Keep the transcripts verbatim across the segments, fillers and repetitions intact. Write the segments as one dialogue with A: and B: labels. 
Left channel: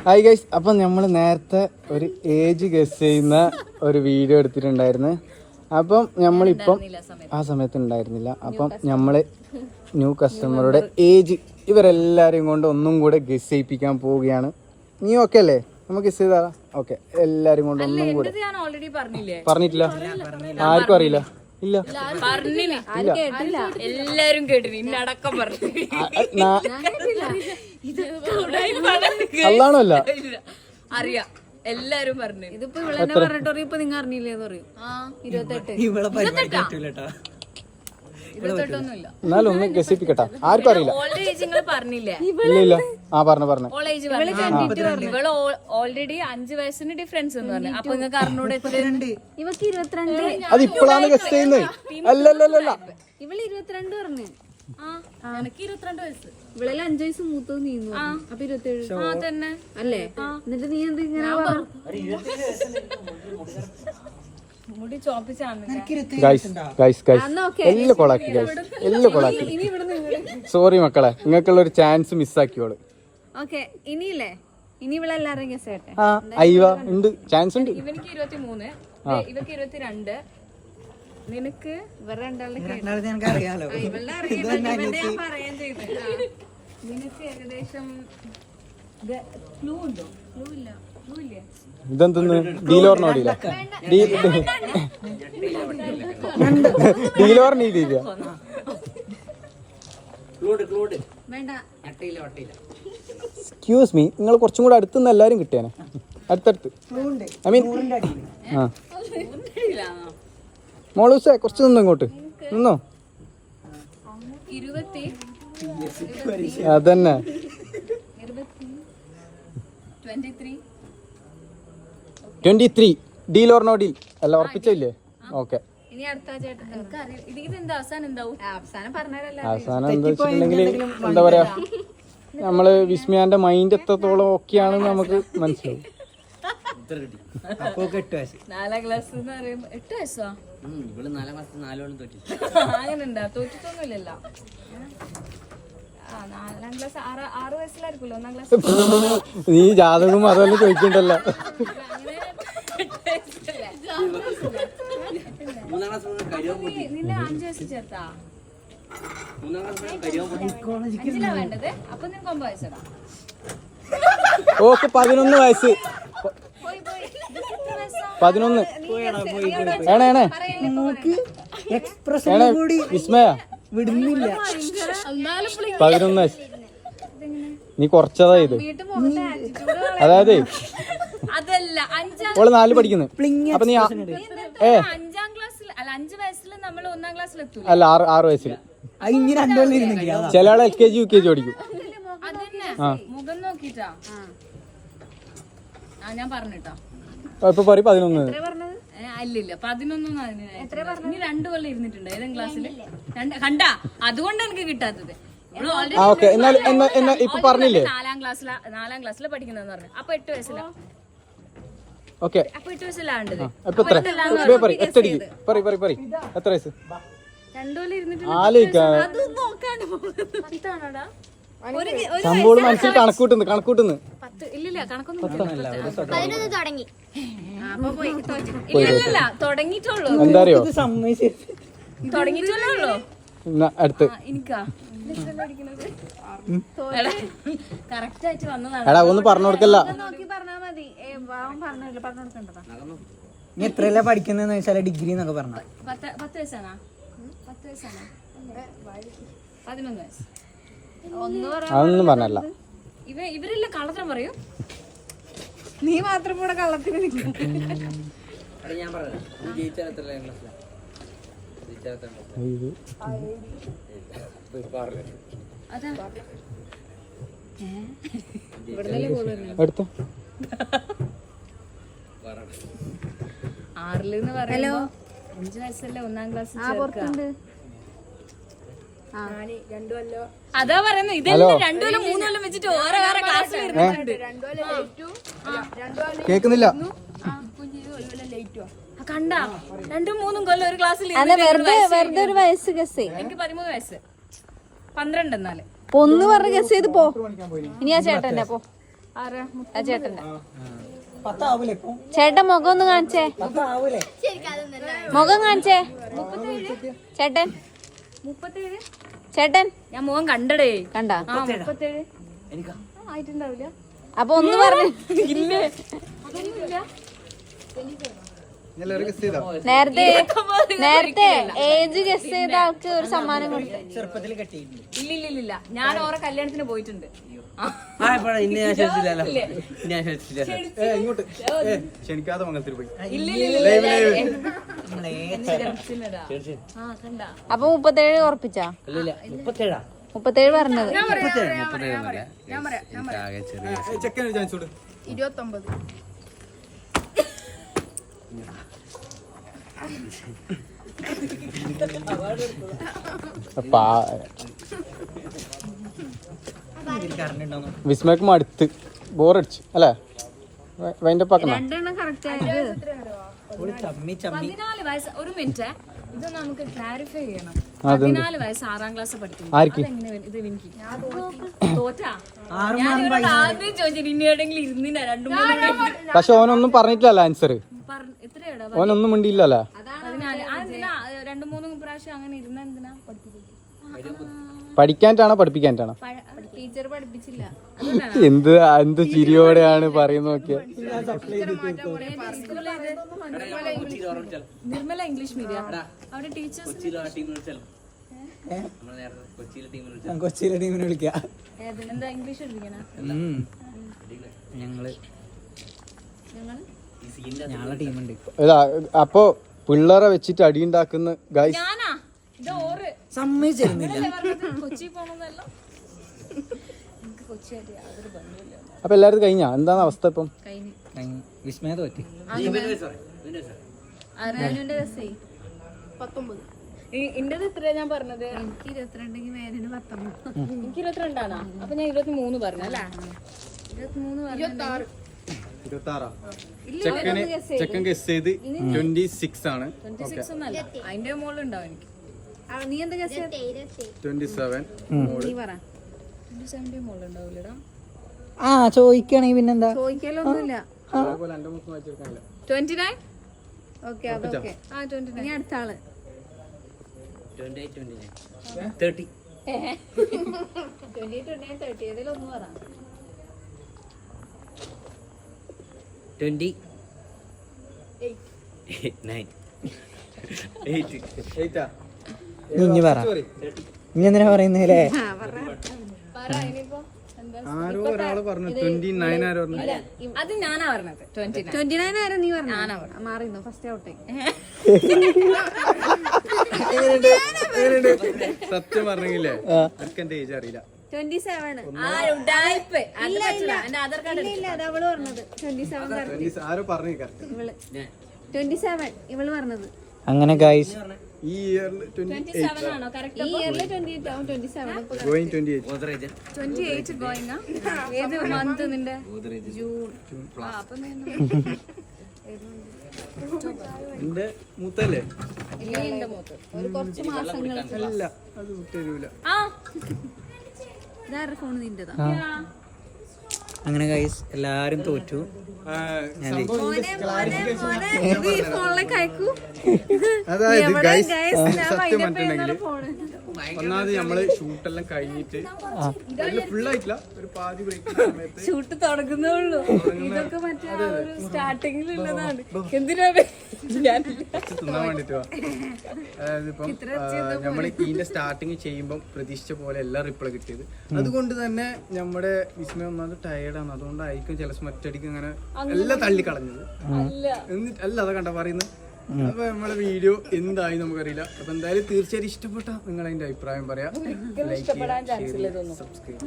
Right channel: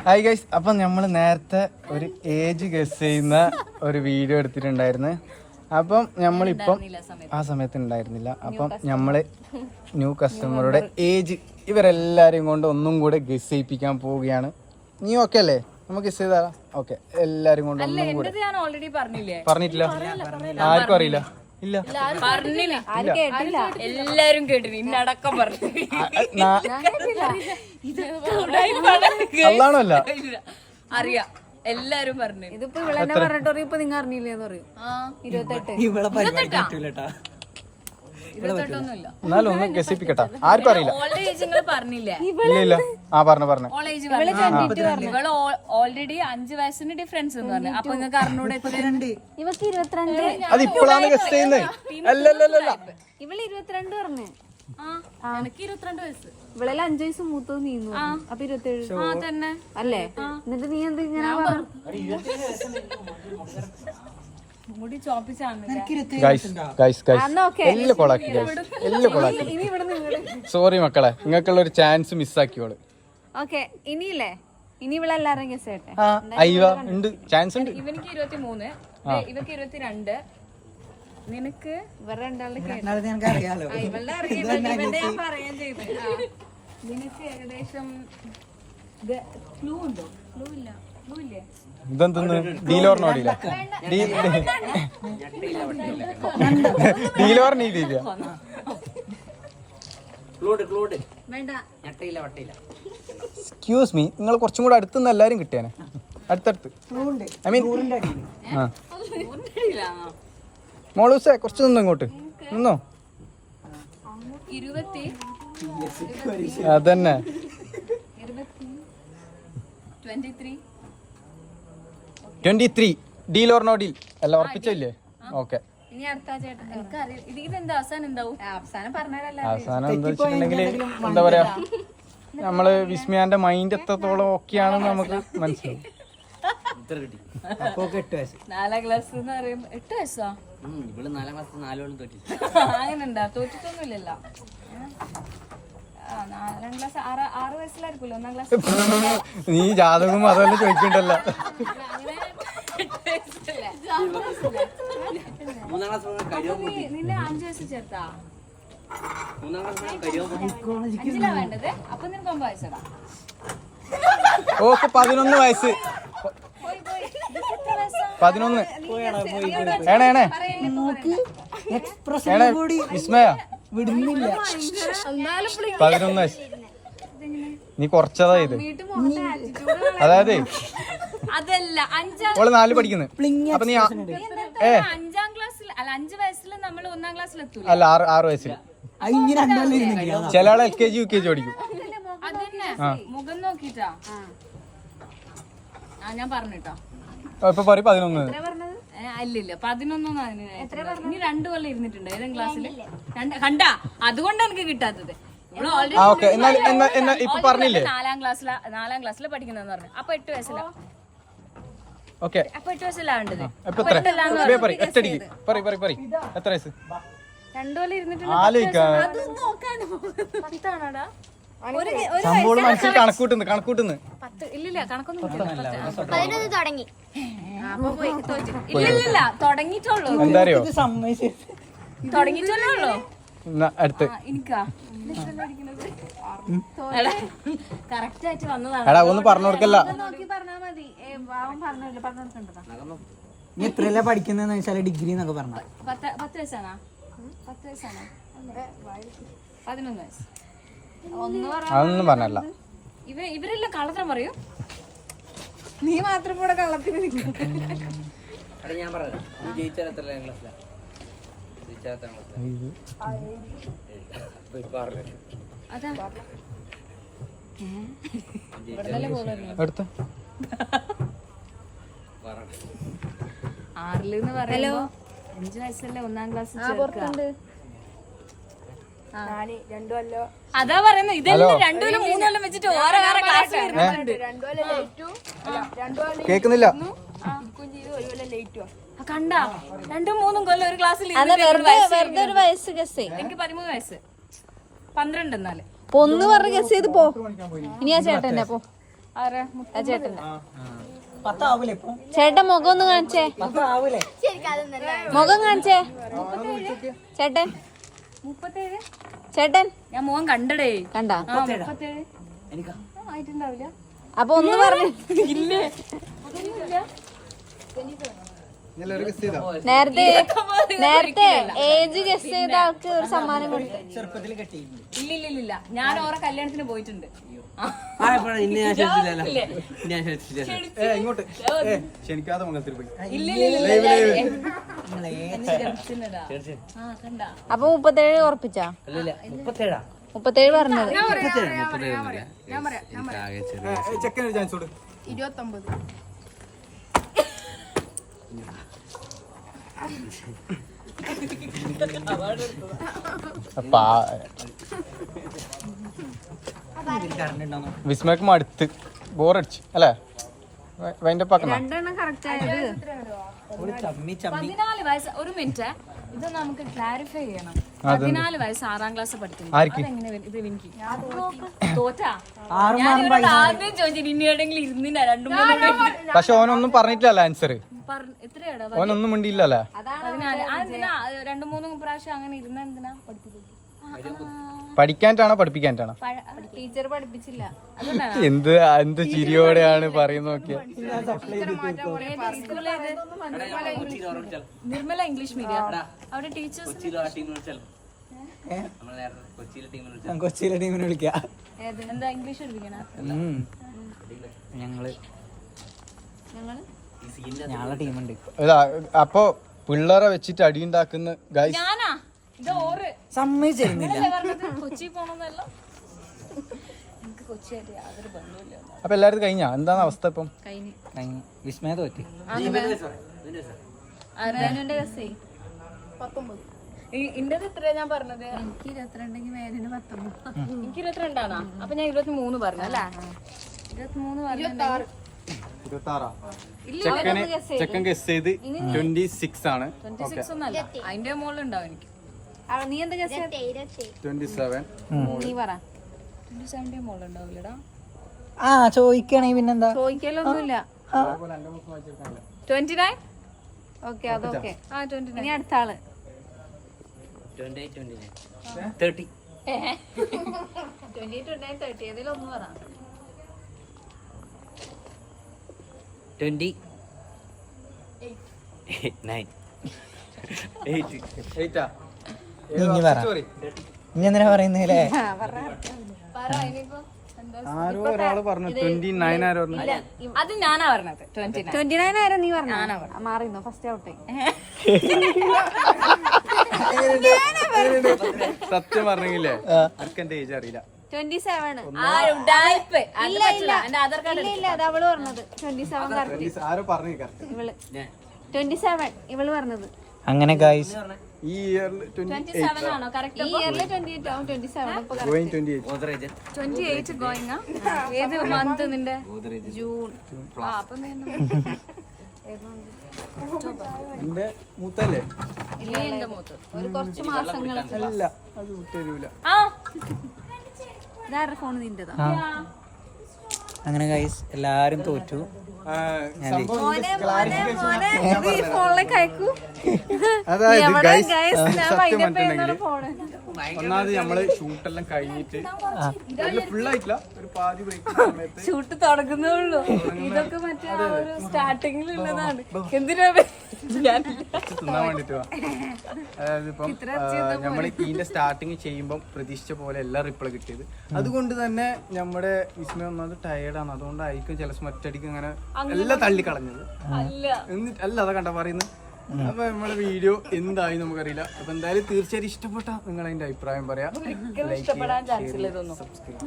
A: Hi guys, അപ്പം നമ്മൾ നേരത്തെ ഒരു ഏജ് ഗസ് ചെയ്യുന്ന ഒരു വീഡിയോ എടുത്തിട്ടുണ്ടായിരുന്നു. അപ്പം നമ്മളിപ്പം ആ സമയത്ത് ഉണ്ടായിരുന്നില്ല. അപ്പം നമ്മൾ ന്യൂ കസ്റ്റമറുടെ ഏജ് ഇവരെല്ലാവരെയും കൊണ്ട് ഒന്നും കൂടെ ഗസ് ചെയ്യിപ്പിക്കാൻ പോവുകയാണ്. നീ ഓക്കെ അല്ലേ? നമുക്ക് ഗസ് ചെയ്താ ഓക്കെ. എല്ലാരും കൊണ്ട് പറഞ്ഞിട്ടില്ല, ആർക്കും അറിയില്ല. ഇല്ല,
B: എല്ലാരും കേട്ടിന് ഇന്നടക്കം പറഞ്ഞു.
A: അല്ലാണല്ല
B: അറിയാം, എല്ലാരും പറഞ്ഞു.
C: ഇതിപ്പോ ഇവിടെ പറഞ്ഞിട്ടോ ഇപ്പൊ നിങ്ങൾ അറിഞ്ഞില്ലേന്ന് പറയും. ഇരുപത്തെട്ട്
B: ഇരുപത്തെട്ടൊന്നുമില്ല.
A: എന്നാലും ഒന്ന് ഗസിപ്പിക്കട്ടെ, ആർക്കും അറിയില്ല.
B: ഓൾഡ് ഏജ് നിങ്ങൾ പറഞ്ഞില്ലേ?
A: ഇല്ല ഇല്ല, ആ പറഞ്ഞു പറഞ്ഞു.
B: ഓൾഡ് ഏജ് ഇവള് ഓൾറെഡി അഞ്ചു വയസ്സിന് ഡിഫറൻസ് എന്ന് പറഞ്ഞു. അപ്പൊ നിങ്ങൾക്ക് അറിഞ്ഞൂടെ?
C: ഇവക്ക് ഇരുപത്തിരണ്ട്.
A: അത് ഇപ്പോഴാണ് ഗസ് ചെയ്യുന്നത്. അല്ലല്ലല്ല,
C: ഇവള് ഇരുപത്തിരണ്ട് പറഞ്ഞു.
B: എനിക്ക് ഇരുപത്തിരണ്ട് വയസ്സ്.
C: ഇവളെല്ലാം അഞ്ചു വയസ്സ് മൂത്തത് നീന്നു. അപ്പൊ ഇരുപത്തേഴ്
B: ആ തന്നെ
C: അല്ലേ? എന്നിട്ട് നീ എന്ത് ഇങ്ങനെ
B: മുടി ചോപ്പിച്ചാണ്.
A: സോറി മക്കളെ, നിങ്ങൾക്കുള്ള ഒരു ചാൻസ് മിസ്സാക്കിയോള്.
C: ഓക്കെ, ഇനിയില്ലേ ഇനി ഇവിടെ എല്ലാരും ഗസ് ചെയ്യട്ടെ.
A: അയ്യോ ഉണ്ട്, ചാൻസ് ഉണ്ട്.
B: ഇവനിക്ക് ഇരുപത്തി മൂന്ന്, ഇവക്ക് ഇരുപത്തിരണ്ട്. നിനക്ക്
C: ഇവരുടെ രണ്ടാളുടെ
D: അറിയാലോ.
C: ഇവളുടെ അറിയാൻ ഞാൻ പറയാൻ ചെയ്ത്.
B: നിനക്ക് ഏകദേശം ക്ലൂ ഉണ്ടോ? ക്ലൂ ഇല്ല. ക്ലൂ ഇല്ലേ?
A: ഇതെന്തെന്ന് ഡീലോറിനോടില്ല, ഡീലോറിനില്ല.
C: വേണ്ട.
A: എക്സ്ക്യൂസ് മീ, നിങ്ങൾ കുറച്ചും കൂടെ അടുത്തുനിന്ന് എല്ലാരും കിട്ടിയാനെ. അടുത്തടുത്ത് ഐ മീൻ മോളൂസേ, കുറച്ച് നിന്നു ഇങ്ങോട്ട് നിന്നോ.
B: ഇരുപത്തി
A: അതന്നെ
B: twenty three
A: twenty three deal or no deal അല്ല, ഉറപ്പിച്ചില്ലേ? ഓക്കെ.
C: ഇനി അടുത്ത ചേട്ടൻ
B: എനിക്കറിയാം. ഇത് ഇതെന്താ അവസാനം എന്താവും?
C: അവസാനം പറഞ്ഞാലല്ല.
A: അവസാനം എന്താ വെച്ചിട്ടുണ്ടെങ്കിൽ എന്താ പറയാ, നമ്മള് വിസ്മയാന്റെ മൈൻഡ് എത്രത്തോളം ഓക്കെയാണെന്ന് നമുക്ക് മനസ്സിലാവും.
B: നാലാം ക്ലാസ് എന്ന് പറയുമ്പോ എട്ട് വയസ്സാ? അങ്ങനെണ്ടാ? തോറ്റിട്ടൊന്നുമില്ലല്ലോ. നാലാം ക്ലാസ് ആറ് ആറ് വയസ്സിലായിരിക്കുമല്ലോ ഒന്നാം ക്ലാസ്.
A: നീ ജാതകം അതുപോലെ ചോദിക്കണ്ടല്ലോ.
B: നിന്നെ അഞ്ചു വയസ്സ് ചേർത്താ? അഞ്ചിലാ വേണ്ടത്. അപ്പൊ നിനക്ക് ഒമ്പത് വയസ്സടാ.
A: ഓക്കെ, പതിനൊന്ന് വയസ്സ്. പതിനൊന്ന് ഏണേ ഏണേ വിസ്മയ
D: വിടുന്നില്ല.
A: പതിനൊന്ന് വയസ്സ്. നീ കുറച്ചതാ ഇത്. അതായത്
B: അതല്ല, അഞ്ചാം
A: ഓള് നാല് പഠിക്കുന്നത്. അപ്പൊ നീ ഏ
B: അഞ്ചാം ക്ലാസ്സിൽ അല്ല, അഞ്ചു വയസ്സിൽ നമ്മൾ ഒന്നാം ക്ലാസ്സിൽ എത്തൂല.
A: അല്ല, ആറ് ആറ് വയസ്സിൽ.
D: ചില
A: ആള് L K G U K G പഠിക്കും.
B: അതന്നെ മുഖം നോക്കിട്ടാ. ആ ഞാൻ പറഞ്ഞിട്ടോ.
A: ഇപ്പൊ പറയും പതിനൊന്ന്.
B: അല്ലില്ല, പതിനൊന്നൊന്നും അതിന്. ഇനി രണ്ടു കൊല്ലം ഇരുന്നിട്ടുണ്ട് ഏതെങ്കിലും ക്ലാസ്സില്. കണ്ടാ, അതുകൊണ്ട് എനിക്ക് കിട്ടാത്തത്. നാലാം ക്ലാസ്സിലാ നാലാം ക്ലാസ്സിൽ പഠിക്കുന്നതെന്ന് പറഞ്ഞു. അപ്പൊ എട്ട് വയസ്സിലാ. അപ്പൊ എട്ട് വയസ്സിലാവേണ്ടത്. രണ്ടു കൊല്ലം ഇരുന്നിട്ടുണ്ട്. പത്താണോടാ?
A: കണക്കൂട്ടുന്നു കണക്കൂട്ടുന്നു
B: പത്ത്. ഇല്ലില്ല, കണക്കൊന്നും കിട്ടില്ല.
C: തുടങ്ങി.
B: ഇല്ലില്ല, തുടങ്ങിയിട്ടുള്ളൂ.
A: എന്താറിയോ,
B: തുടങ്ങിയിട്ടുള്ളൂ.
A: അടുത്ത്
B: എനിക്കാ കറക്റ്റ് ആയിട്ട് വന്നതാണ്.
A: എടാ ഒന്ന് പറഞ്ഞു കൊടുക്കല്ല.
C: നോക്കി പറഞ്ഞാ മതി. പറഞ്ഞില്ല പറഞ്ഞു കൊടുക്കണ്ടതാ.
D: നീ എത്രയല്ല പഠിക്കുന്നതെന്ന് വെച്ചാൽ ഡിഗ്രി എന്നൊക്കെ പറഞ്ഞ
B: പത്ത് പത്ത് വയസ്സാണോ? പത്ത് വയസ്സാണോ? പതിനൊന്ന് വയസ്സ്.
A: അതൊന്നും പറഞ്ഞല്ല.
B: ഇവ ഇവരെല്ലാം കള്ളത്തരം പറയൂ.
C: നീ മാത്രം കൂടെ കള്ളത്തിന് നിൽക്കും.
B: അതാ ആറിലെന്ന് പറയുമ്പോ അഞ്ചു വയസ്സല്ലേ ഒന്നാം ക്ലാസ്. അതാ പറയുന്നത്. ഇതെല്ലാം രണ്ടു കൊല്ലം മൂന്ന് കൊല്ലം വെച്ചിട്ട് ഓരോ വേറെ ക്ലാസ്സിൽ ഇരുന്നിട്ടുണ്ട്.
A: കേക്കുന്നില്ല.
B: കണ്ടാ, രണ്ടും മൂന്നും കൊല്ലം ഒരു ക്ലാസ്സിൽ എനിക്ക് പതിമൂന്ന് വയസ്സ്, പന്ത്രണ്ട്. എന്നാല്
C: ഒന്ന് പറഞ്ഞ് ഗസ് ചെയ്ത് പോ. ഇനി ആ ചേട്ടൻ
B: ആരാ
C: ചേട്ടൻ
D: പത്താവൂലേ ഇപ്പൊ?
C: ചേട്ടൻ മുഖം ഒന്ന് കാണിച്ചേ
D: പത്താവൂലേ?
C: മുഖം കാണിച്ചേ ചേട്ടൻ
B: മുപ്പത്തേഴ്
C: ചേട്ടൻ
B: ഞാൻ മുഖം കണ്ടടേ
C: കണ്ടാ
B: ആ മുപ്പത്തേഴ്
D: എനിക്കാ
B: ആ, ആയിട്ടുണ്ടാവില്ല
C: അപ്പൊ ഒന്ന് പറ
B: ഇല്ലേ അതൊന്നുമില്ല
A: എല്ലാവരും ഗസ് ചെയ്തോ?
C: നേരത്തെ
B: ഇരുപത്തൊമ്പത്
C: നേരത്തെ
B: ഒരിക്കലല്ല.
C: ഏജ് ഗസ് ചെയ്ത ആൾക്ക് ഒരു സമ്മാനം കൊടുക്കും.
D: ചെറുപ്പത്തിൽ കെട്ടിയിട്ടുണ്ട്.
B: ഇല്ല ഇല്ല ഇല്ല ഞാൻ ഓരോ കല്യാണത്തിന് പോയിട്ടുണ്ട് ആ.
E: ഇന്നെ ഞാൻ ശ്രദ്ധിച്ചില്ലല്ലോ ഞാൻ ശ്രദ്ധിച്ചില്ല
A: ഏ ഇങ്ങോട്ട് ഏ ക്ഷണിക്കാതെ മംഗലത്തിൽ പോയി.
B: ഇല്ല ഇല്ല ഇല്ല ഇല്ല
D: നമ്മളെ
B: എന്നെ ജനിച്ചിട്ടുണ്ടാ. ആ കണ്ട
C: അപ്പൊ മുപ്പത്തേഴ് ഉറപ്പിച്ചാ
E: മുപ്പത്തേഴാ
C: മുപ്പത്തേഴ് പറഞ്ഞത്
E: മുപ്പത്തേഴ് മുപ്പത്തേഴ് ആകെ ചെറിയ
A: ചെക്കനൊരു ചാൻസ് കൊടു.
F: ഇരുപത്തൊമ്പത്
D: കറണ്ടുണ്ടാവും.
A: വിസ്മയക്ക് മടുത്ത് ബോറടിച്ച് അല്ലേ? വൈൻഡ് അപ്പ് ആക്കണം.
C: രണ്ടെണ്ണം കറക്റ്റ് ആയത്
D: ഓള് ചമ്മി ചമ്മി
B: പതിനാല് വയസ്സ് ഒരു മിനിറ്റ് ഇത് നമുക്ക് ക്ലാരിഫൈ ചെയ്യണം. പതിനാല് വയസ്സ് ആറാം ക്ലാസ് പഠിക്കുന്നു.
A: ആർക്ക്?
B: അതെങ്ങനെ വരും? ഇത് എനിക്ക് തോറ്റാ
D: ആറ്
B: ഞാൻ ഇവരോട് ആദ്യം ചോദിച്ചു ഇനി എവിടെയെങ്കിലും ഇരുന്നില്ല രണ്ടു മൂന്ന്
A: പക്ഷെ ഓനൊന്നും പറഞ്ഞിട്ടില്ലല്ലോ ആൻസർ.
B: എത്രയാടാ
A: ഓനൊന്നും മിണ്ടിയില്ലല്ലോ.
B: പതിനാല് അതെന്തിനാ രണ്ട് മൂന്ന് പ്രാവശ്യം അങ്ങനെ ഇരുന്ന എന്തിനാ പഠിപ്പിച്ചത്?
A: പഠിക്കാനാണോ പഠിപ്പിക്കാനാണോ?
C: ടീച്ചർ പഠിപ്പിച്ചില്ല
B: അതുകൊണ്ടാണ്
A: എന്ത് എന്ത് ചിരിയോടെയാണ് പറയുന്നത് നോക്കിയ.
B: നിർമ്മല ഇംഗ്ലീഷ് മീഡിയം അവിടെ ടീച്ചേഴ്സ്
E: കൊച്ചിയിലെ ആ ടീം വിളിച്ചാൽ നമ്മൾ നേരത്തെ കൊച്ചിയിലെ ടീം വിളിച്ചാൽ
D: കൊച്ചിയിലെ ടീമിനെ വിളിക്കാം.
B: എന്താ ഇംഗ്ലീഷ് പഠിപ്പിക്കണ?
D: ഞങ്ങള്
B: ഞങ്ങള്
E: ഈ സീനിന്റെ
D: ഞങ്ങളെ ടീമുണ്ട്.
A: ഇതാ അപ്പൊ പിള്ളേരെ വെച്ചിട്ട് അടിയുണ്ടാക്കുന്ന ഗൈസ്.
B: ഞാനാ ഇത് ഓറ്
D: സമ്മതിച്ചിരുന്നില്ല.
B: ഇതല്ലേ പറഞ്ഞത് കൊച്ചി പോണെന്നല്ല. എനിക്ക് കൊച്ചിയായിട്ട് യാതൊരു ബന്ധമില്ല.
A: അപ്പൊ എല്ലാരും കഴിഞ്ഞാ എന്താണ് അവസ്ഥ ഇപ്പം?
B: കഴിഞ്ഞു
D: കഴിഞ്ഞ് വിസ്മയ തോറ്റി.
B: അർജുനന്റെ രസേ
F: പത്തൊമ്പത്
B: ഇന്റത് ഇത്രയാ ഞാൻ പറഞ്ഞത്.
C: എനിക്ക് ഇരുപത്തിരണ്ടെങ്കിൽ മേലിന് പത്തൊമ്പത്
B: എനിക്ക് ഇരുപത്തിരണ്ടാണോ? അപ്പൊ ഞാൻ ഇരുപത്തി മൂന്ന് പറഞ്ഞു അല്ലേ? ഇരുപത്തി മൂന്ന് പറഞ്ഞു.
A: ഇരുപത്താറാ ചെക്കന് ചെക്കൻ ഗസ് ചെയ്ത് ട്വന്റി സിക്സ് ആണ്.
B: ട്വന്റി സിക്സ് ഒന്നല്ല അതിന്റെ മുകളിൽ ഉണ്ടാവും എനിക്ക്.
C: നീ എന്താ ഗസ്
A: ട്വന്റി സെവൻ
C: നീ പറ
B: ട്വന്റി സെവന്റെ മുകളിൽ ഉണ്ടാവില്ലടാ.
D: ആ ചോദിക്കണെങ്കിൽ പിന്നെന്താ?
C: ചോദിക്കലൊന്നുമില്ല
B: ട്വന്റി നയൻ
C: ഓക്കെ അതൊക്കെ
B: ആ ട്വന്റി
C: ഇനി
B: നയൻ
C: അടുത്ത ആള്
E: twenty eight twenty nine thirty
C: twenty twenty nine thirty ഏതിലൊന്ന് പറ.
E: ട്വന്റി നയൻ എയ്റ്റ്
A: എയ്റ്റാ
D: ഇനി പറ. ഇനി എന്തിനാ പറയുന്നില്ലേ?
A: ആരോ ഒരാള് പറഞ്ഞു ട്വന്റി നയൻ. ആരോ പറഞ്ഞു
B: അത് ഞാനാ പറഞ്ഞത് ട്വന്റി നയൻ.
C: ട്വന്റി നയൻ ആരാ നീ പറഞ്ഞ? മാറിന്നോ ഫസ്റ്റ് ഔട്ട്.
A: സത്യം പറഞ്ഞില്ലേ എനിക്ക് എന്റെ ഏജ് അറിയില്ല.
C: ട്വന്റി സെവൻ
B: ആ ഉഡായിപ്പ്. അത് പറ്റില്ല. എന്റെ ആധാർ കാർഡ്
C: ഇല്ല അത് അവള് പറഞ്ഞത് ട്വന്റി സെവൻ കറക്റ്റ്.
A: ആരോ പറഞ്ഞു കറക്റ്റ്.
C: ഇവള് ട്വന്റി സെവൻ ഇവള് പറഞ്ഞത്.
D: അങ്ങനെ ഗൈസ്
A: ഈ ഇയറിൽ ട്വന്റി
B: ട്വന്റി സെവൻ ആണോ കറക്റ്റ്?
C: ഈ ഇയറിൽ ട്വന്റി എയ്റ്റ് ആവും ട്വന്റി സെവൻ ഇപ്പൊ
A: going twenty eight.
E: Godrej
B: twenty eight going. ഏത് മന്ത് നിന്റെ?
E: ഗോദ്രേജ്
C: ജൂൺ.
B: ആ അപ്പൊ നീ
A: എന്റെ മൂത്തല്ലേ?
B: നീ എന്റെ മൂത്ത്.
C: ഒരു കുറച്ച് മാസങ്ങൾ.
A: അല്ല അത് വിട്ടരൂല.
B: ആ
C: ഇതാരുടെ ഫോൺ നിന്റെതാ?
D: അങ്ങനെ ഗൈസ് എല്ലാരും തോറ്റു.
C: ഈ ഫോണിലേക്ക് അയക്കൂ.
A: അതായത് ഗൈസ്
C: Guys, ഞാൻ
A: സത്യം
C: wind up
A: പറഞ്ഞിട്ടുണ്ടെങ്കിൽ
C: ചെയ്യുന്ന ഫോണ്.
A: ഒന്നാമത് നമ്മള് ഷൂട്ടെല്ലാം കഴിഞ്ഞിട്ട് ഫുൾ ആയിട്ടില്ല, ഒരു പാതി ബ്രേക്ക് സമയത്ത്
B: ഷൂട്ട് തുടങ്ങുന്നേ ഉള്ളൂ. ഇതൊക്കെ മറ്റേ ആ ഒരു സ്റ്റാർട്ടിങ്ങിൽ ഉള്ളതാണ്. എന്തിനാ ഞാൻ
A: കുറച്ച് തിന്നാൻ വേണ്ടിട്ട് വാ. അതായത് ഇപ്പം നമ്മൾ ഇതിന്റെ സ്റ്റാർട്ടിങ് ചെയ്യുമ്പോൾ പ്രതീക്ഷിച്ച പോലെ എല്ലാ റിപ്ലൈ കിട്ടിയത്. അതുകൊണ്ട് തന്നെ നമ്മുടെ വിസ്മയം ഒന്നാമത് ടയേർഡാണ്. അതുകൊണ്ടായിരിക്കും ചില മറ്റടിക്ക് അങ്ങനെ എല്ലാം തള്ളിക്കളഞ്ഞത്. എന്നിട്ട് അല്ല അതാ കണ്ട പറയുന്നത്. അപ്പൊ നമ്മളെ വീഡിയോ എന്തായി നമുക്കറിയില്ല. അപ്പൊ എന്തായാലും തീർച്ചയായും ഇഷ്ടപ്പെട്ട നിങ്ങൾ അതിന്റെ അഭിപ്രായം പറയാം. ലൈക്ക് ചെയ്യുക, സബ്സ്ക്രൈബ്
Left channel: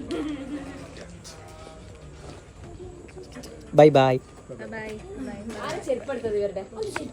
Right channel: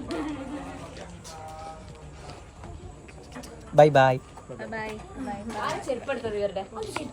D: ബൈ ബൈ.
C: ബൈ.
B: ചെരുപ്പെടുത്തത് ഇവരുടെ